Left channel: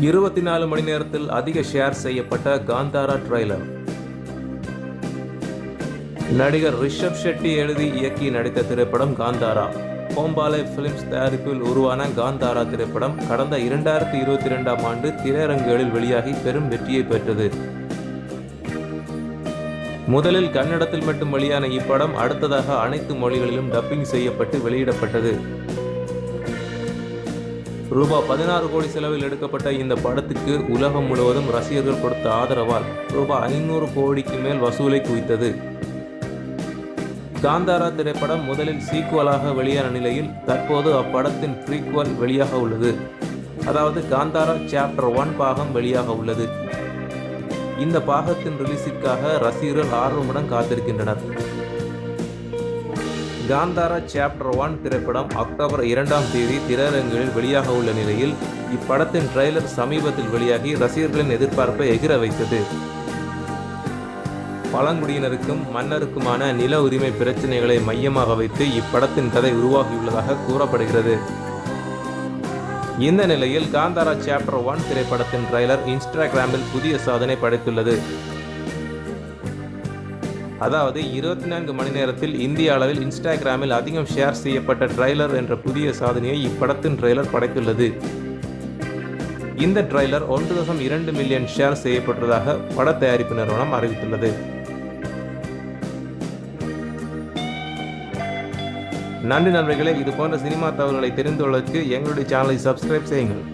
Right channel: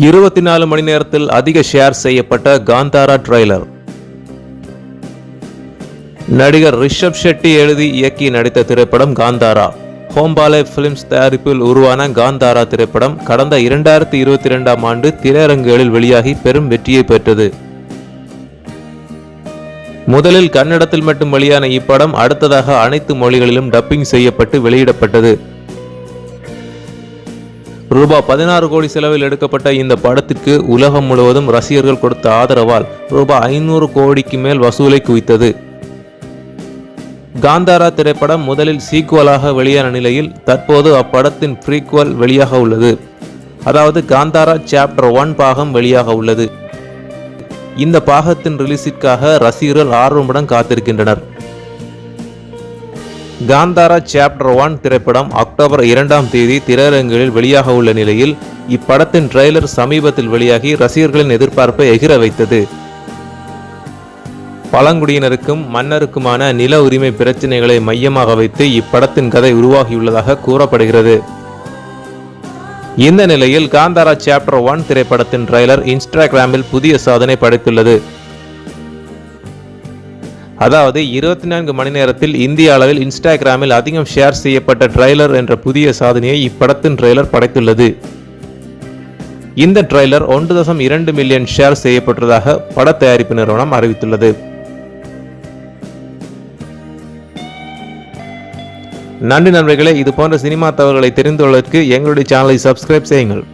இருபத்தி நாலு மணி நேரத்தில் அதிக ஷேர் செய்யப்பட்ட காந்தாரா ட்ரெய்லர். நடிகர் ரிஷப் ஷெட்டி எழுதி இயக்கி நடித்த திரைப்படம் காந்தாரா. ஹோம்பாலே பிலிம்ஸ் தயாரிப்பில் உருவான காந்தாரா திரைப்படம் கடந்த இரண்டாயிரத்தி இருபத்தி இரண்டாம் ஆண்டு திரையரங்குகளில் வெளியாகி பெரும் வெற்றியை பெற்றது. முதலில் கன்னடத்தில் மட்டும் வெளியான இப்படம் அடுத்ததாக அனைத்து மொழிகளிலும் டப்பிங் செய்யப்பட்டு வெளியிடப்பட்டது. ரூபாய் பதினாறு கோடி செலவில் எடுக்கப்பட்ட இந்த படத்துக்கு உலகம் முழுவதும் ரசிகர்கள் கொடுத்த ஆதரவால் ரூபாய் ஐநூறு கோடிக்கு மேல் வசூலை குவித்தது. காந்தாரா திரைப்படம் முதலில் சீக்குவலாக வெளியான நிலையில் தற்போது அப்படத்தின் ப்ரீக்குவல் வெளியாக உள்ளது. அதாவது காந்தாரா சாப்டர் ஒன் பாகம் வெளியாக உள்ளது. இந்த பாகத்தின் ரிலீஸிற்காக ரசிகர்கள் ஆர்வமுடன் காத்திருக்கின்றனர். காந்தாரா சாப்டர் ஒன் திரைப்படம் அக்டோபர் இரண்டாம் தேதி திரையரங்குகளில் வெளியாக உள்ள நிலையில் இப்படத்தின் ட்ரெய்லர் சமீபத்தில் வெளியாகி ரசிகர்களின் எதிர்பார்ப்பை எகிர வைத்தது. பழங்குடியினருக்கும் மன்னருக்குமான நில உரிமை பிரச்சினைகளை மையமாக வைத்து இப்படத்தின் கதை உருவாகியுள்ளதாக கூறப்படுகிறது. இந்த நிலையில் காந்தாரா சாப்டர் ஒன் திரைப்படத்தின் ட்ரெய்லர் இன்ஸ்டாகிராமில் புதிய சாதனை படைத்துள்ளது. அதாவது இருபத்தி நான்கு மணி நேரத்தில் இந்திய அளவில் இன்ஸ்டாகிராமில் அதிகம் ஷேர் செய்யப்பட்ட ட்ரெய்லர் என்ற புதிய சாதனையை இப்படத்தின் ட்ரெய்லர் படைத்துள்ளது. இந்த ட்ரெய்லர் ஒன்று தசம் இரண்டு மில்லியன் ஷேர் செய்யப்பட்டதாக பட தயாரிப்பு நிறுவனம் அறிவித்துள்ளது. நன்றி நண்பர்களே இது போன்ற சினிமா தகவல்களை தெரிந்து கொள்வதற்கு எங்களுடைய சேனலை சப்ஸ்கிரைப் செய்யுங்கள்.